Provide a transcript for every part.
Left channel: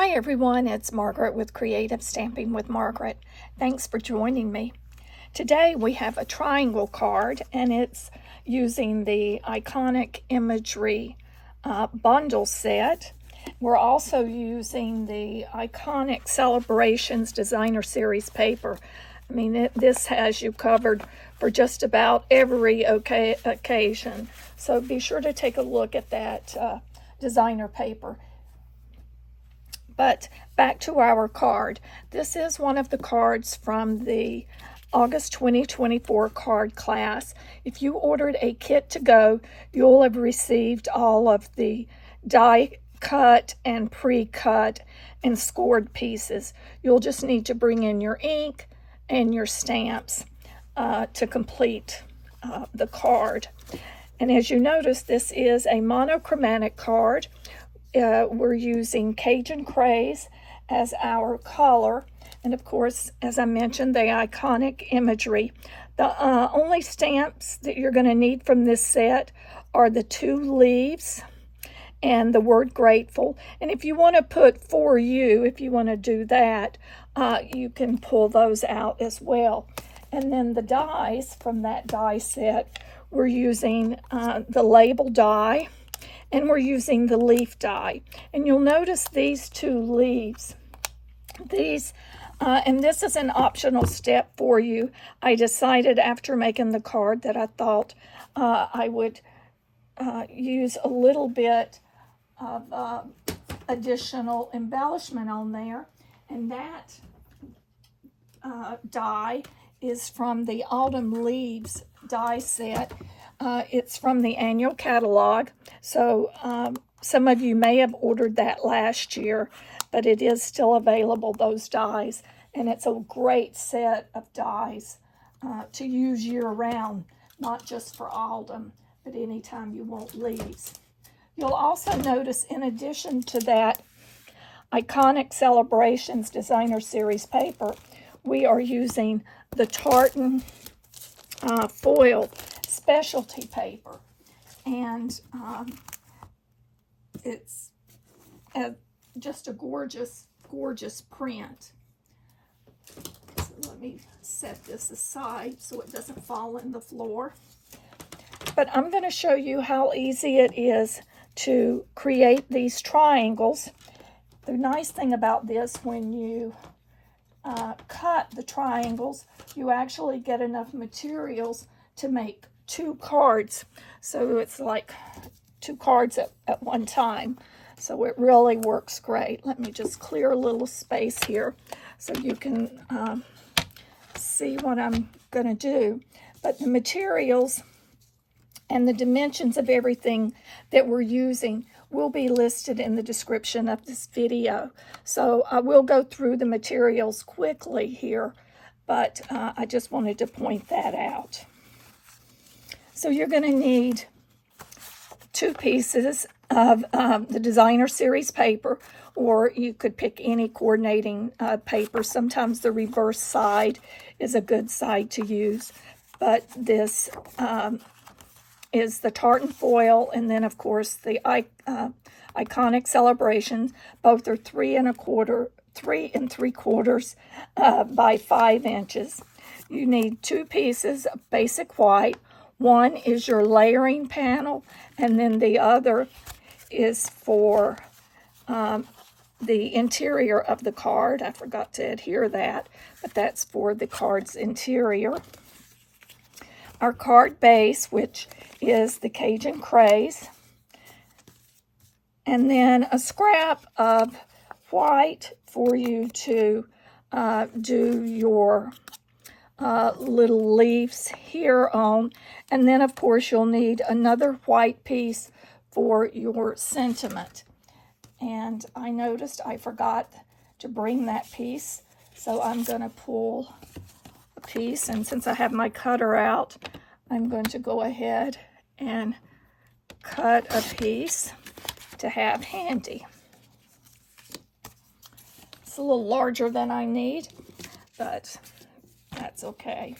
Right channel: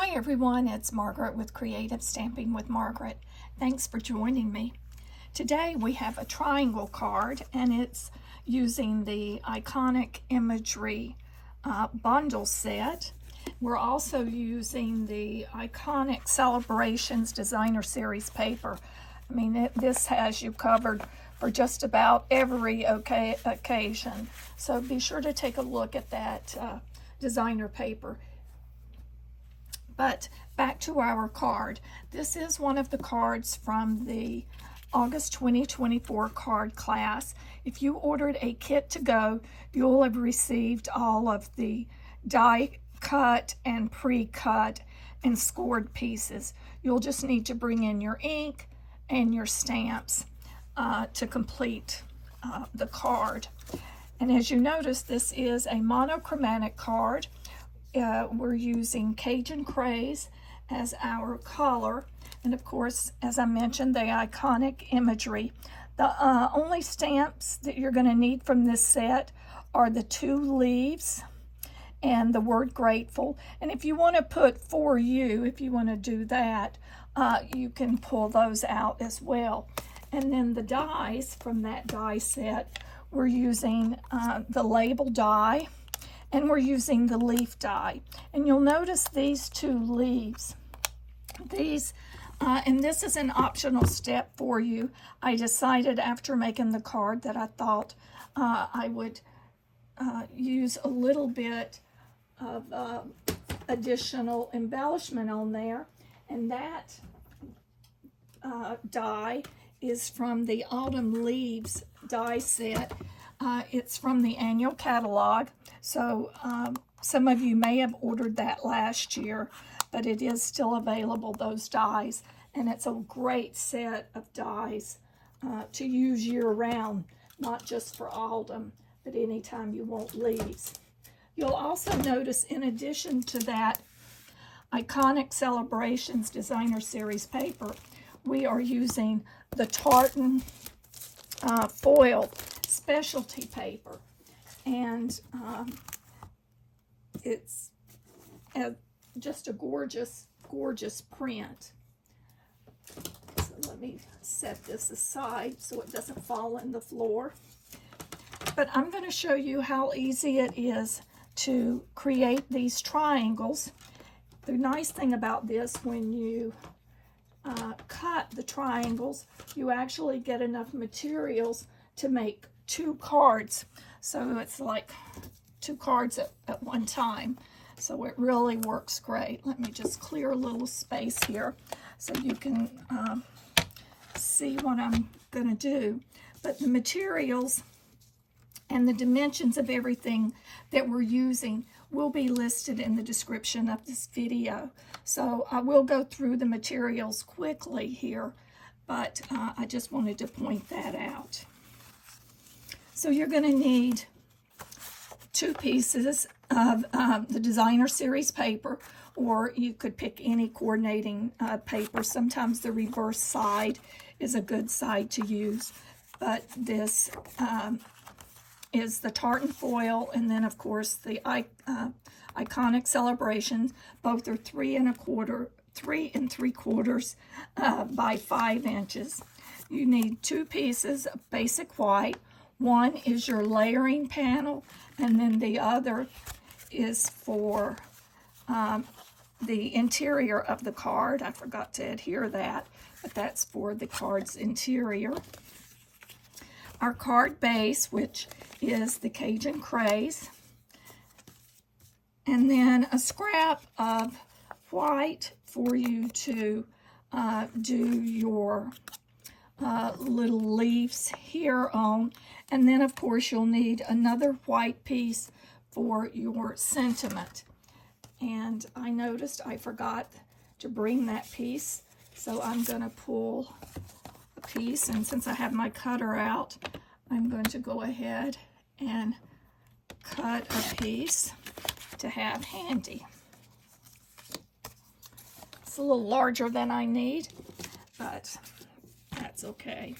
Hi everyone, it's Margaret with Creative Stamping with Margaret. Thanks for joining me. Today we have a triangle card and it's using the iconic Imagery Bundle set. We're also using the iconic Celebrations Designer Series paper. I mean, this has you covered for just about every occasion. So be sure to take a look at that designer paper. But back to our card. This is one of the cards from the August 2024 card class. If you ordered a kit to go, you'll have received all of the die cut and pre-cut and scored pieces. You'll just need to bring in your ink and your stamps to complete the card. And as you notice, this is a monochromatic card. We're using Cajun Craze as our color, and of course, as I mentioned, the iconic imagery. The only stamps that you're going to need from this set are the 2 leaves and the word grateful. And if you want to put for you, if you want to do that, you can pull those out as well. And then the dies from that die set, we're using the label die, and we're using the leaf die. And you'll notice these 2 leaves. And this is an optional step for you. I decided after making the card that I thought I would use a little bit of additional embellishment on there. And that die is from the Autumn Leaves die set. It's from the annual catalog, so some of you may have ordered that last year, but it is still available, those dies, and it's a great set of dies to use year-round, not just for autumn, but anytime you want leaves. You'll also notice, in addition to that iconic Celebrations Designer Series paper, we are using the Tartan Foil Specialty Paper, and it's just a gorgeous print. So let me set this aside so it doesn't fall in the floor. But I'm going to show you how easy it is to create these triangles. The nice thing about this, when you cut the triangles, you actually get enough materials to make 2 cards. So it's like 2 cards at one time. So it really works great. Let me just clear a little space here so you can see what I'm going to do. But the materials and the dimensions of everything that we're using will be listed in the description of this video. So I will go through the materials quickly here, but I just wanted to point that out. So you're going to need 2 pieces of the Designer Series paper, or you could pick any coordinating paper. Sometimes the reverse side is a good side to use, but this is the Tartan Foil, and then of course the iconic Celebrations. Both are 3 3¾ by 5 inches. You need 2 pieces of basic white. One is your layering panel, and then the other is for the interior of the card. I forgot to adhere that, but that's for the card's interior. Our card base, which is the Cajun Craze, and then a scrap of white for you to do your little leaves here on. And then of course you'll need another white piece for your sentiment. And I noticed I forgot to bring that piece, so I'm going to pull a piece, and since I have my cutter out, I'm going to go ahead and cut a piece to have handy. It's a little larger than I need, but that's okay.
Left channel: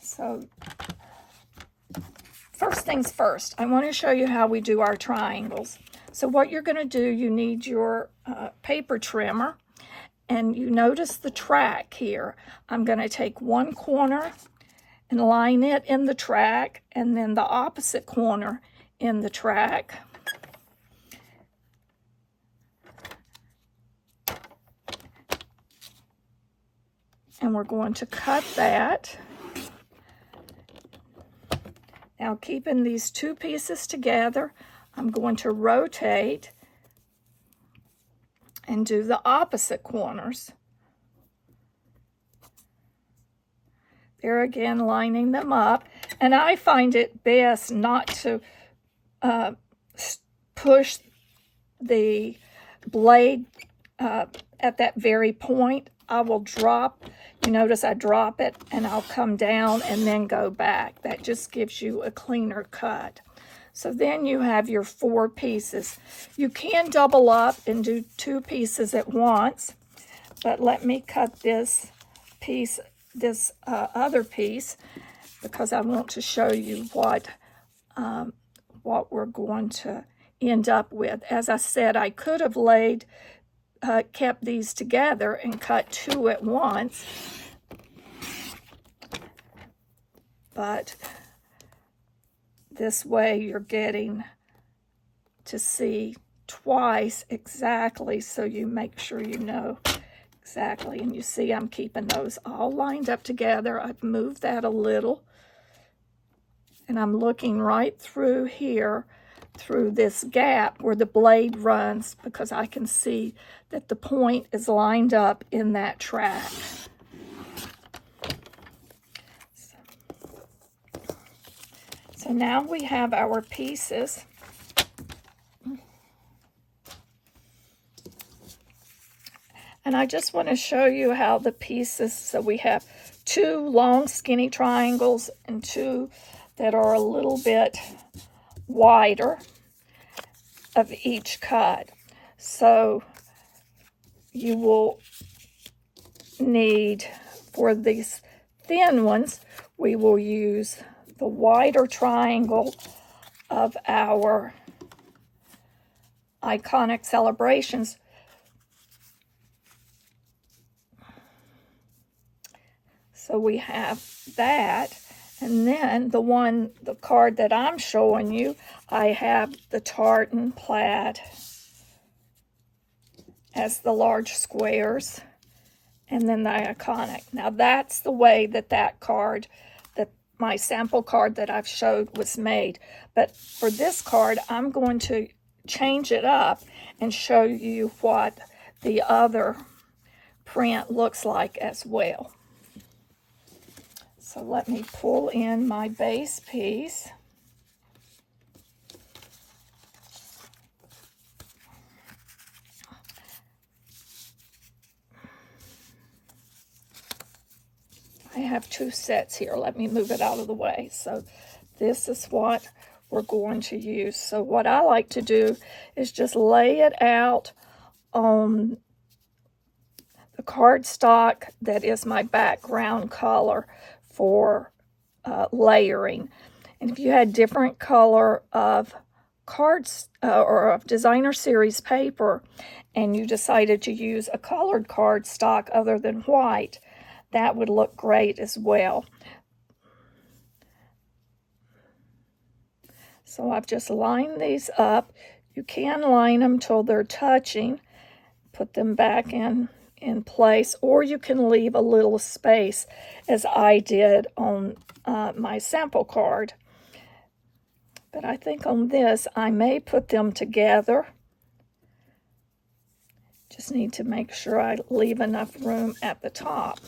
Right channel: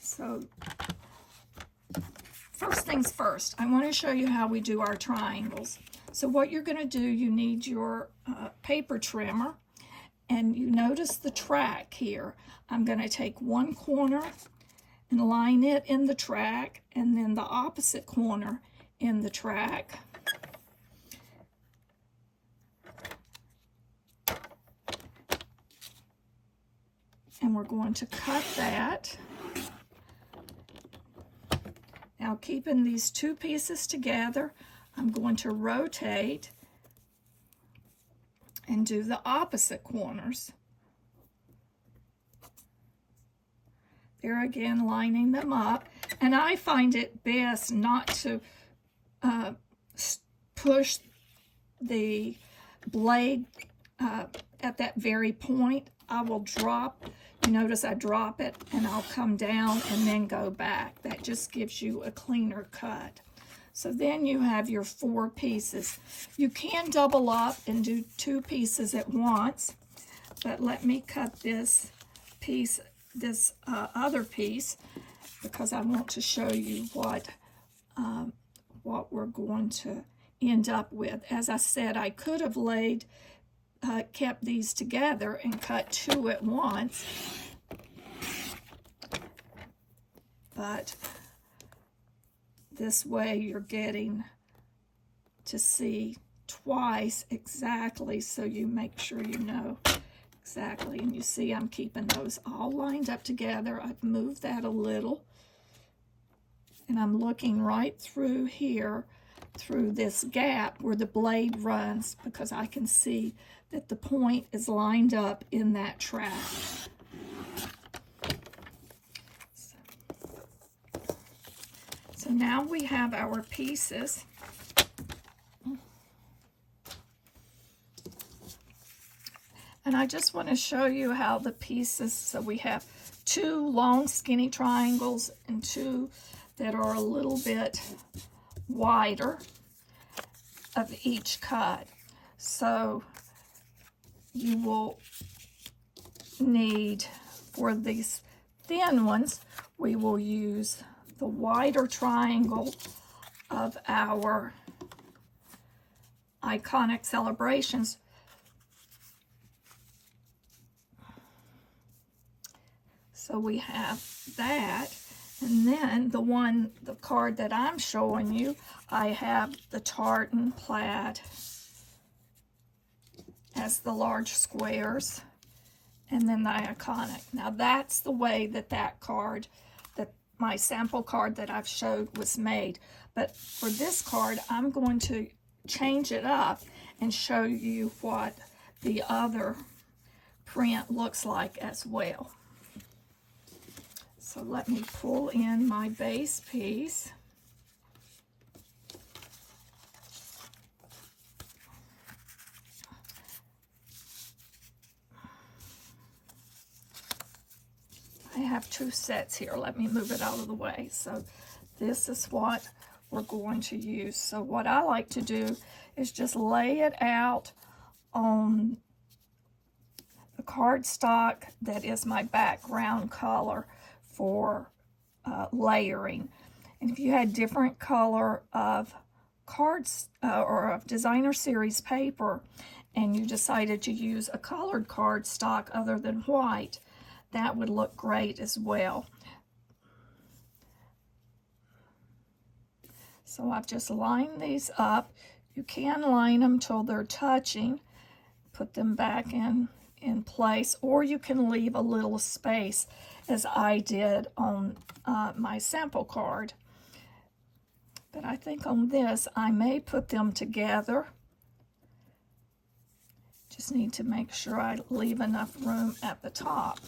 So first things first, I want to show you how we do our triangles. So what you're going to do, you need your paper trimmer, and you notice the track here. I'm going to take one corner and line it in the track, and then the opposite corner in the track. And we're going to cut that. Now, keeping these two pieces together, I'm going to rotate and do the opposite corners. There again, lining them up. And I find it best not to push the blade at that very point. I will drop, you notice I drop it and I'll come down and then go back. That just gives you a cleaner cut. So then you have your 4 pieces. You can double up and do 2 pieces at once, but let me cut this piece, this other piece, because I want to show you what we're going to end up with. As I said, I could have kept these together and cut 2 at once, but this way you're getting to see twice exactly, so you make sure you know exactly. And you see I'm keeping those all lined up together. I've moved that a little, and I'm looking right through here, through this gap where the blade runs, because I can see that the point is lined up in that track. So now we have our pieces. And I just want to show you how the pieces, so we have 2 long skinny triangles and 2 that are a little bit wider of each cut. So you will need, for these thin ones, we will use the wider triangle of our Iconic Celebrations. So we have that, and then the card that I'm showing you, I have the tartan plaid as the large squares, and then the Iconic. Now that's the way that card, that my sample card that I've showed, was made. But for this card, I'm going to change it up and show you what the other print looks like as well. So let me pull in my base piece. I have 2 sets here. Let me move it out of the way. So this is what we're going to use. So what I like to do is just lay it out on the cardstock that is my background color for layering. And if you had different color of cards or of designer series paper, and you decided to use a colored cardstock other than white, that would look great as well. So I've just lined these up. You can line them till they're touching, put them back in place, or you can leave a little space, as I did on my sample card. But I think on this, I may put them together. Just need to make sure I leave enough room at the top.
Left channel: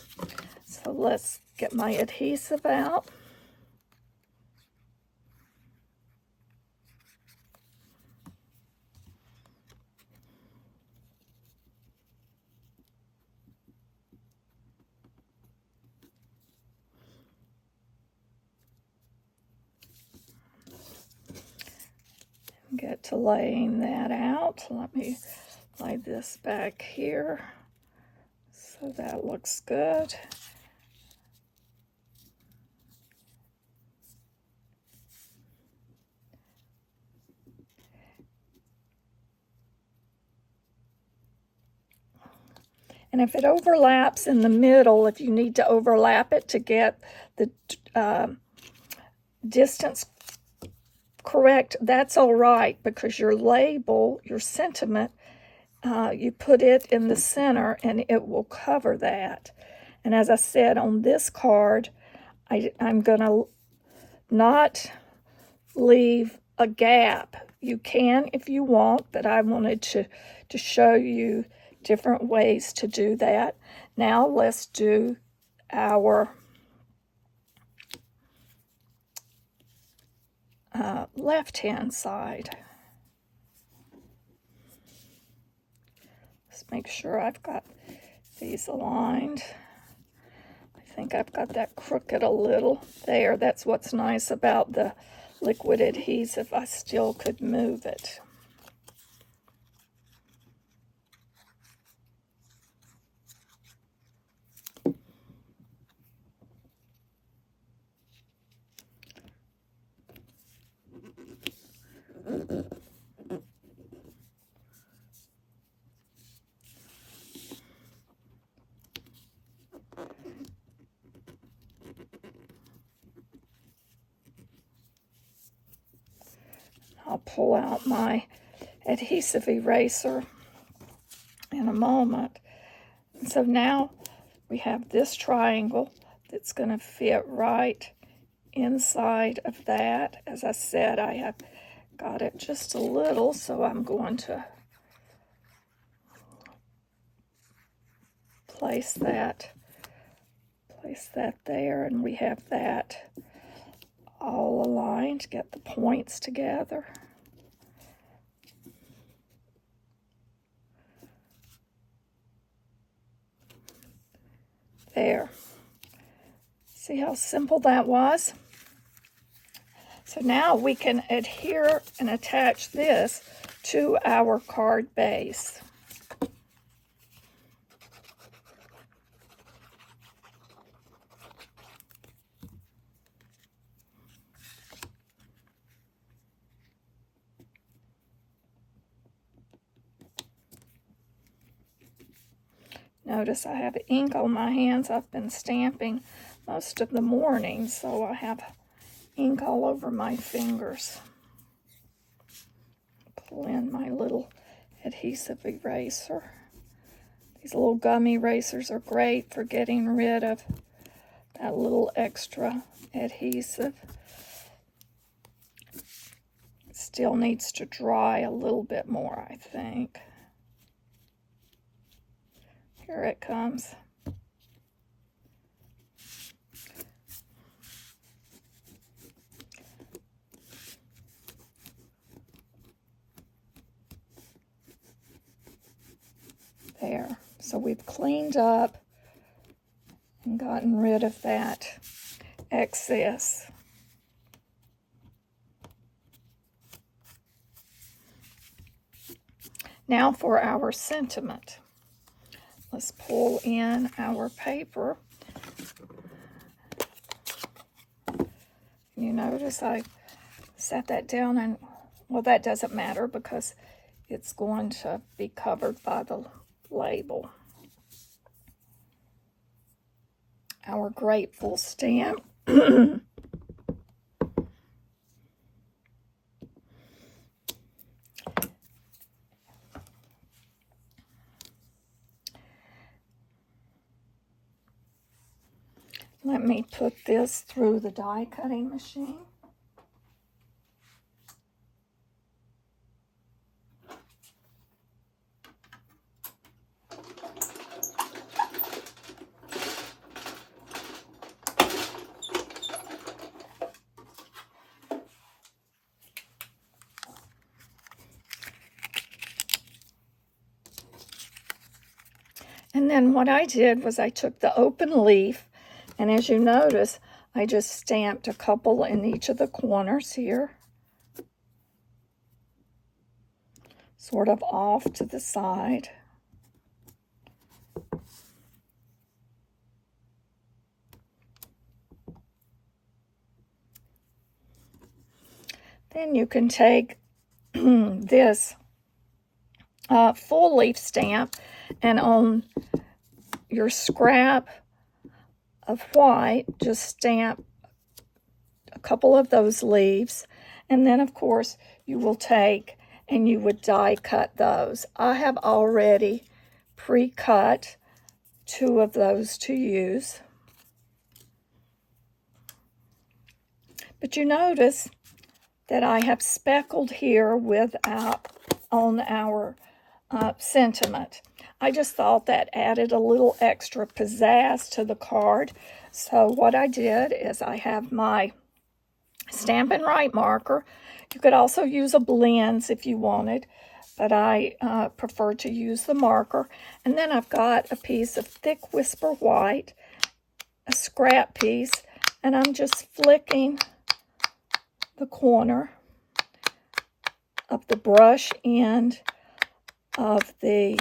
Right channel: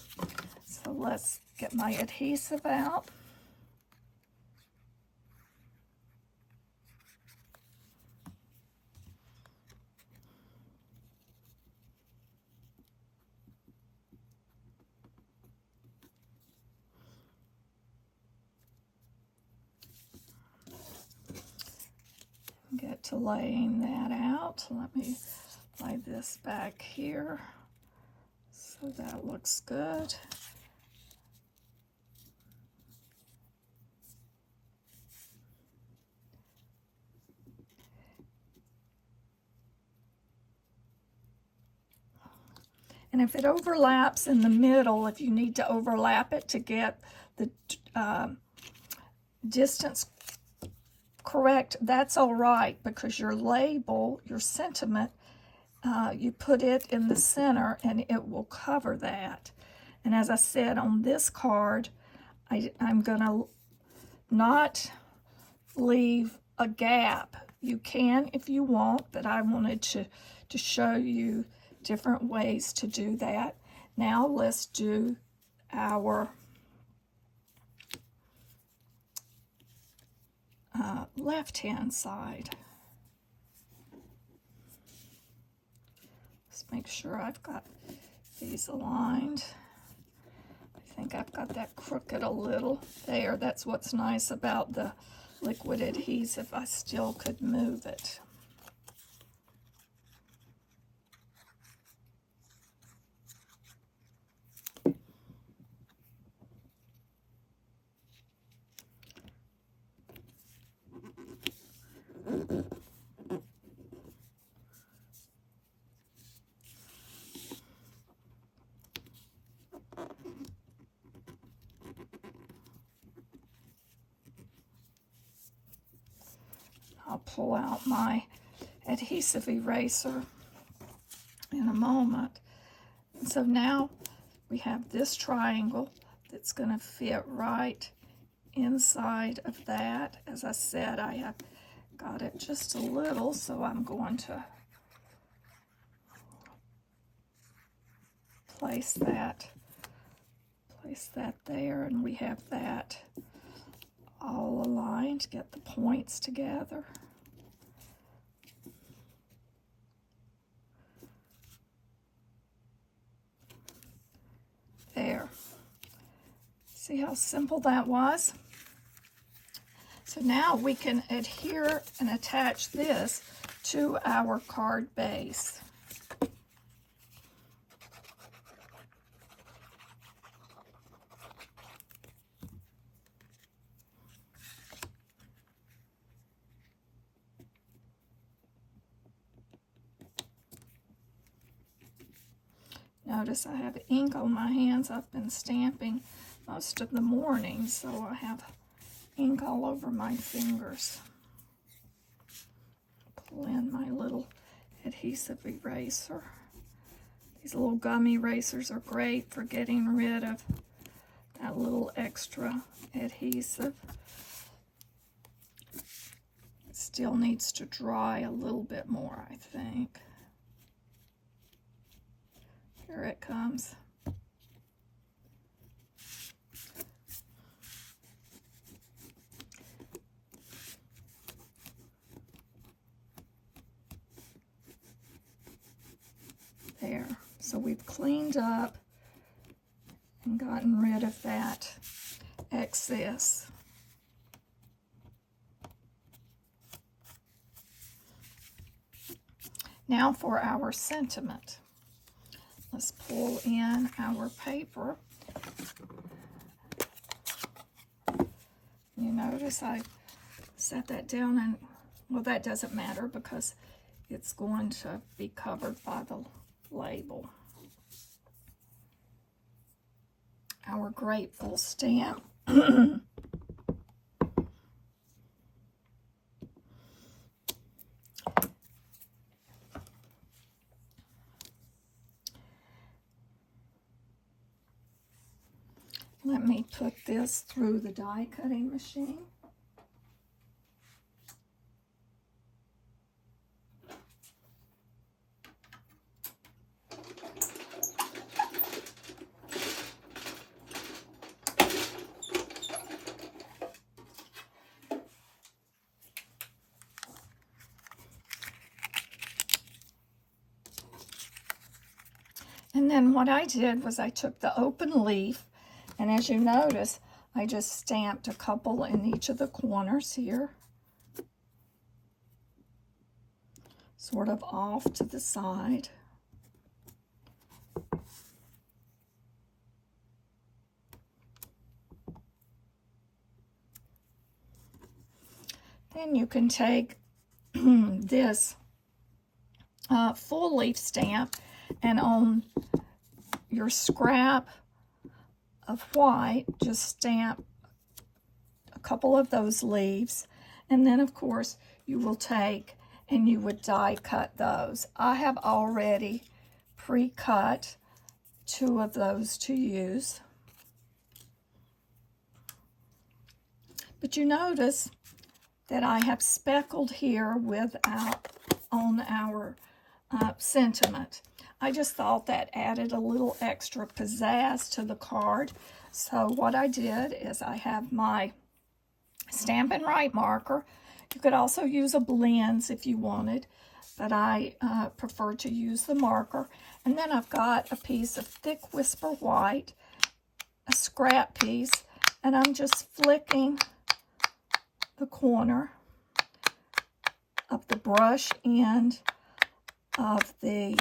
So let's get my adhesive out. Get to laying that out. Let me lay this back here so that looks good. And if it overlaps in the middle, if you need to overlap it to get the distance correct, that's all right, because your label, your sentiment, you put it in the center and it will cover that. And as I said on this card, I'm going to not leave a gap. You can if you want, but I wanted to show you different ways to do that. Now let's do our left-hand side. Let's make sure I've got these aligned. I think I've got that crooked a little there. That's what's nice about the liquid adhesive. I still could move it. I'll pull out my adhesive eraser in a moment. And so now we have this triangle that's going to fit right inside of that. As I said, I have got it just a little, so I'm going to place that there, and we have that all aligned. Get the points together. There. See how simple that was? So now we can adhere and attach this to our card base. Notice I have ink on my hands. I've been stamping most of the morning, so I have ink all over my fingers. Pull in my little adhesive eraser. These little gummy erasers are great for getting rid of that little extra adhesive. It still needs to dry a little bit more, I think. Here it comes. There. So we've cleaned up and gotten rid of that excess. Now for our sentiment. Let's pull in our paper. You notice I set that down, and well, that doesn't matter because it's going to be covered by the label. Our grateful stamp. Let me put this through the die cutting machine. And then what I did was I took the open leaf, and as you notice, I just stamped a couple in each of the corners here, sort of off to the side. Then you can take this full leaf stamp, and on your scrap of white, just stamp a couple of those leaves, and then of course you will take and you would die cut those. I have already pre-cut 2 of those to use. But you notice that I have speckled here on our sentiment. I just thought that added a little extra pizzazz to the card. So what I did is I have my Stampin' Right marker. You could also use a blends if you wanted, but I prefer to use the marker. And then I've got a piece of thick Whisper White, a scrap piece, and I'm just flicking the corner of the brush end of the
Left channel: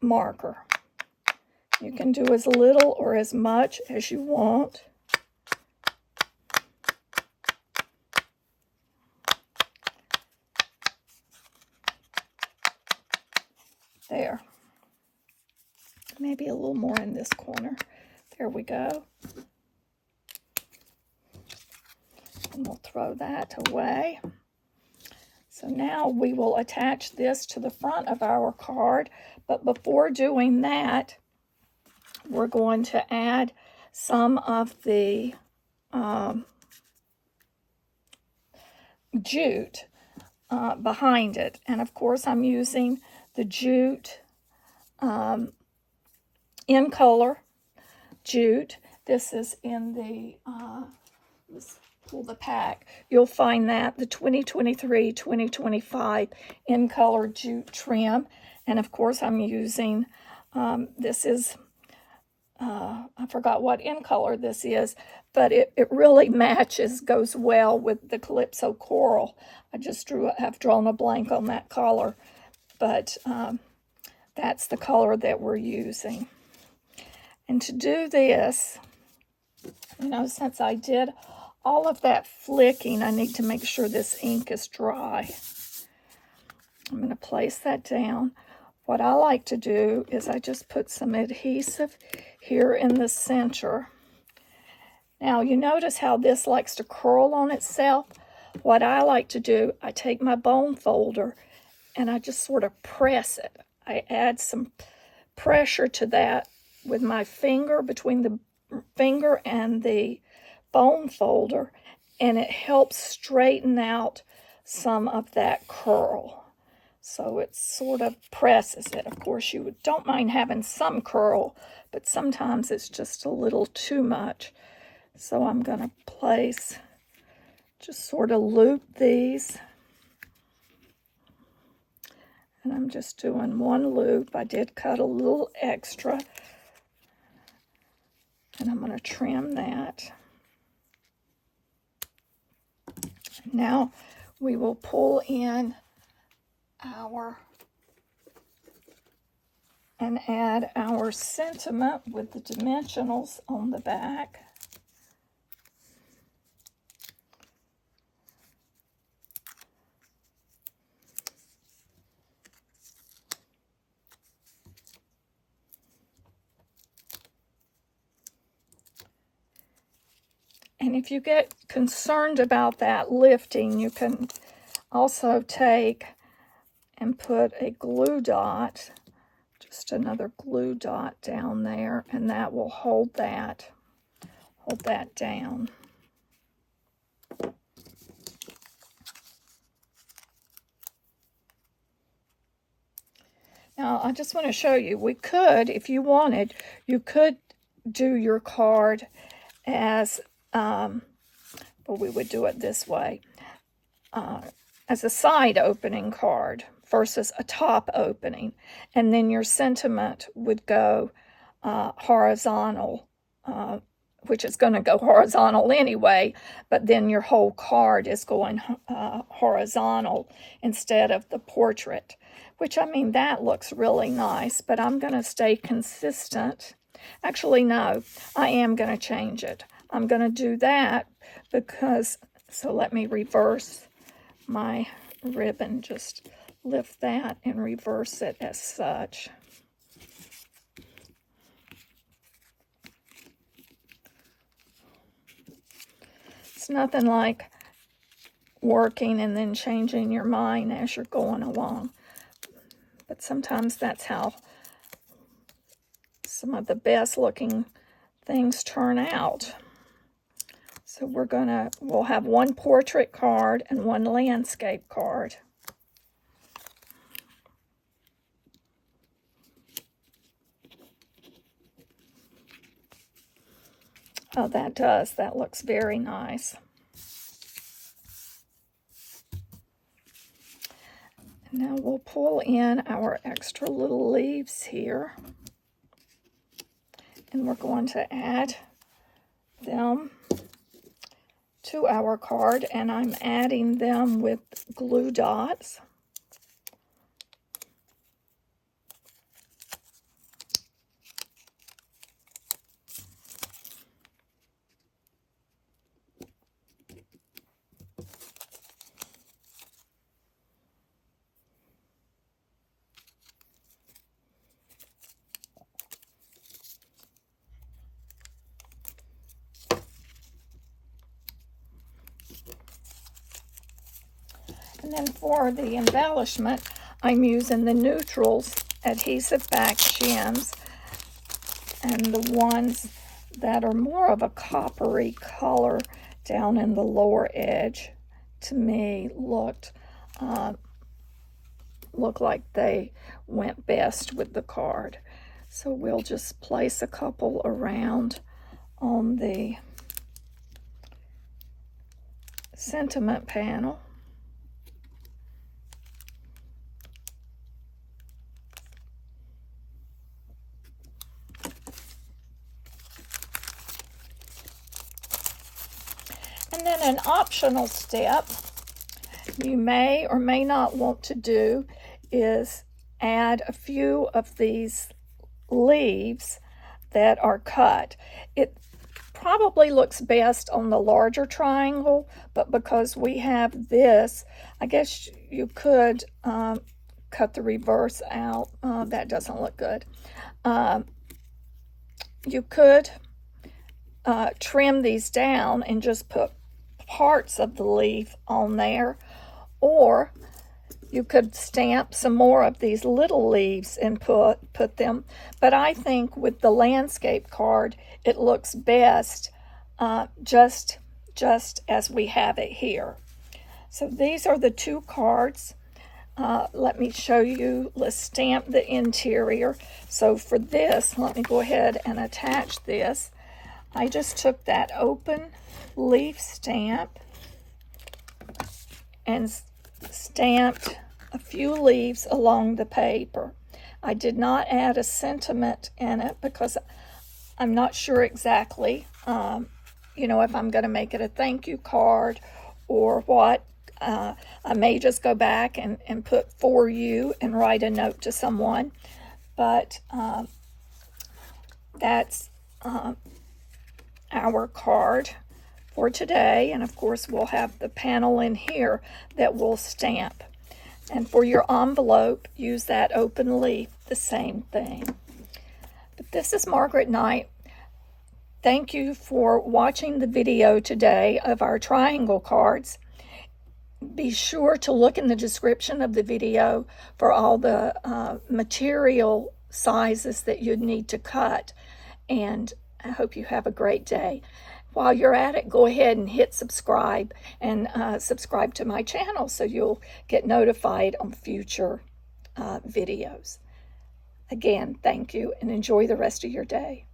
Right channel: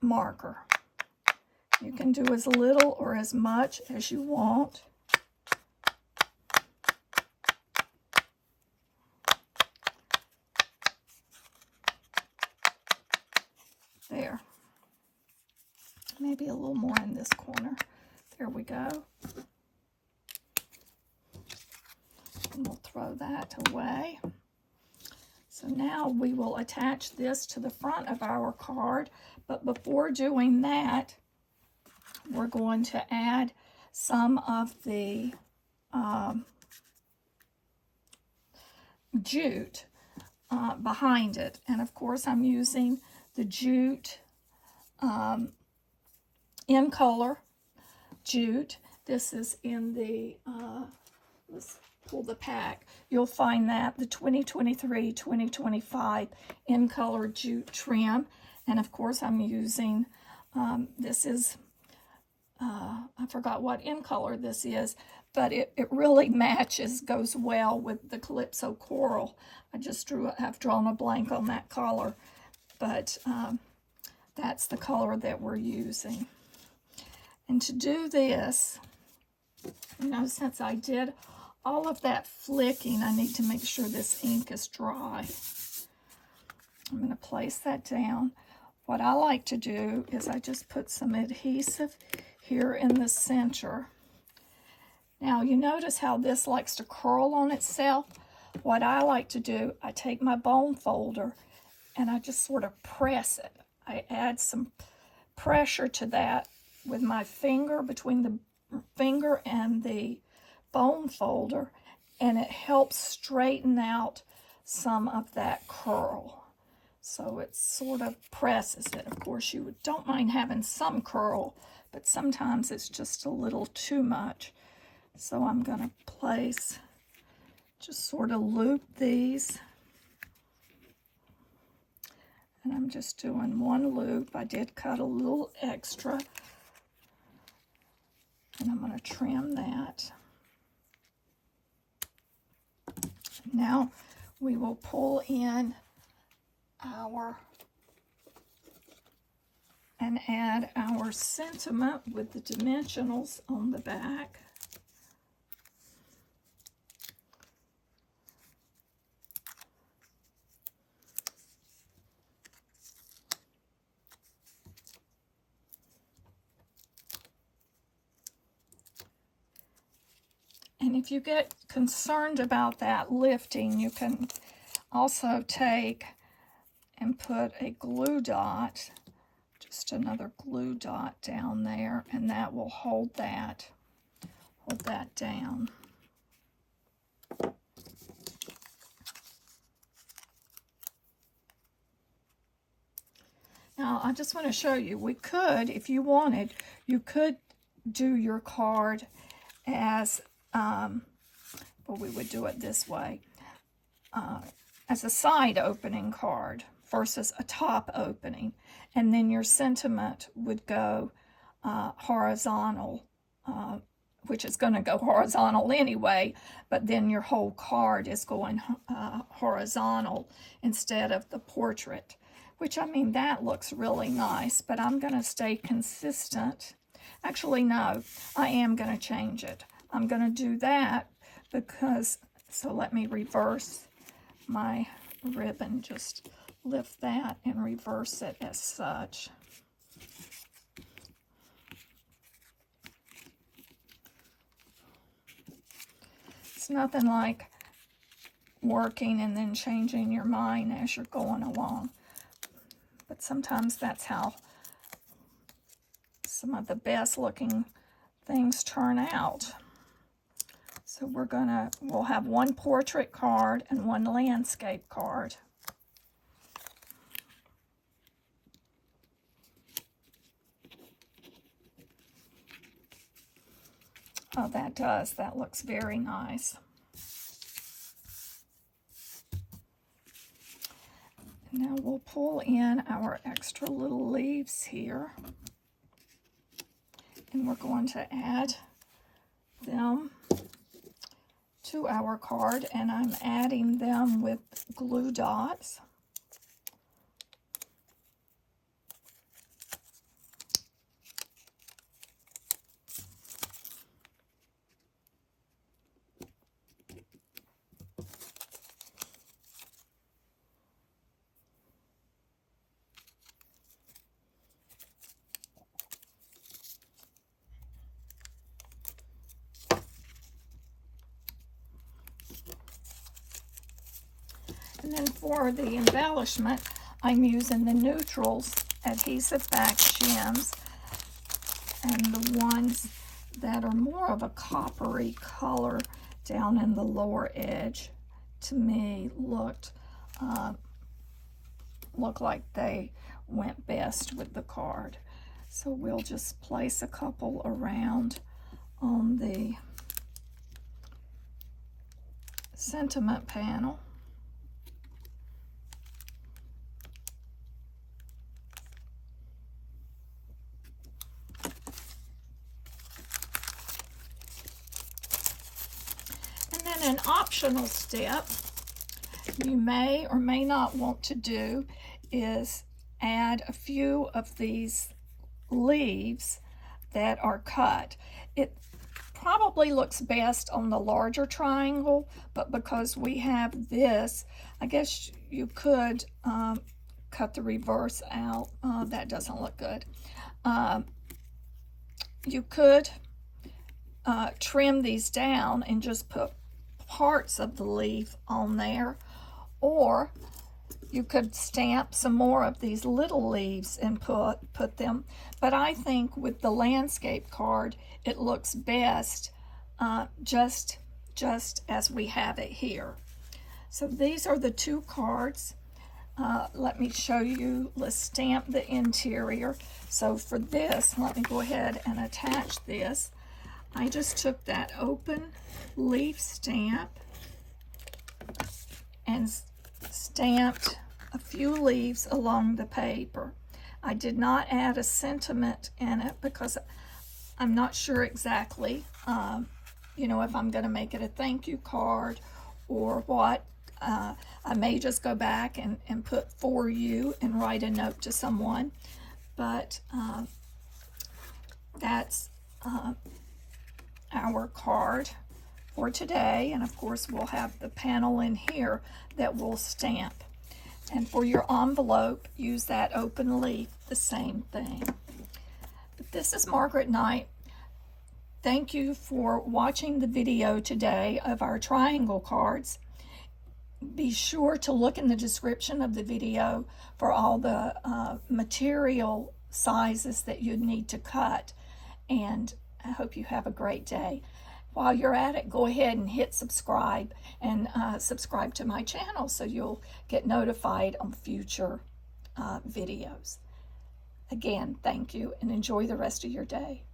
marker. You can do as little or as much as you want. There. Maybe a little more in this corner. There we go. And we'll throw that away. So now we will attach this to the front of our card, but before doing that, we're going to add some of the jute behind it. And of course I'm using the jute in color jute. This is in the let's pull the pack. You'll find that the 2023-2025 in color jute trim. And of course I'm using this is I forgot what in color this is, but it really matches, goes well with the Calypso Coral. I've drawn a blank on that color, but that's the color that we're using. And to do this, you know, since I did all of that flicking, I need to make sure this ink is dry. I'm going to place that down. What I like to do is I just put some adhesive here in the center. Now you notice how this likes to curl on itself. What I like to do, I take my bone folder and I just sort of press it. I add some pressure to that with my finger, between the finger and the bone folder, and it helps straighten out some of that curl. So it sort of presses it. Of course, you don't mind having some curl, but sometimes it's just a little too much. So I'm going to place, just sort of loop these. And I'm just doing one loop. I did cut a little extra. And I'm going to trim that. Now we will pull in and add our sentiment with the dimensionals on the back. And if you get concerned about that lifting, you can also take and put a glue dot, just another glue dot down there, and that will hold that down. Now, I just want to show you, we could, if you wanted, you could do your card as, well, we would do it this way, as a side opening card versus a top opening, and then your sentiment would go horizontal, which is going to go horizontal anyway, but then your whole card is going horizontal instead of the portrait, which, I mean, that looks really nice, but I'm going to stay consistent. Actually, no, I am going to change it. I'm going to do that because, so let me reverse my ribbon, just lift that and reverse it as such. It's nothing like working and then changing your mind as you're going along. But sometimes that's how some of the best looking things turn out. So we'll have one portrait card and one landscape card. Oh, that looks very nice. Now we'll pull in our extra little leaves here. And we're going to add them to our card, and I'm adding them with glue dots. And then for the embellishment, I'm using the Neutrals adhesive back shims, and the ones that are more of a coppery color down in the lower edge, to me, look like they went best with the card. So we'll just place a couple around on the sentiment panel. And then an optional step you may or may not want to do is add a few of these leaves that are cut. It probably looks best on the larger triangle, but because we have this, I guess you could cut the reverse out. That doesn't look good. You could trim these down and just put parts of the leaf on there, or you could stamp some more of these little leaves and put them. But I think with the landscape card, it looks best just as we have it here. So these are the two cards. Let me show you. Let's stamp the interior. So for this, let me go ahead and attach this. I just took that open leaf stamp and stamped a few leaves along the paper. I did not add a sentiment in it because I'm not sure exactly, if I'm going to make it a thank you card or what. I may just go back and put for you and write a note to someone. But that's our card for today. And of course, we'll have the panel in here that we'll stamp. And for your envelope, use that open leaf, the same thing. But this is Margaret Knight. Thank you for watching the video today of our triangle cards. Be sure to look in the description of the video for all the material sizes that you'd need to cut. And I hope you have a great day. While you're at it, go ahead and hit subscribe and subscribe to my channel so you'll get notified on future videos. Again, thank you and enjoy the rest of your day.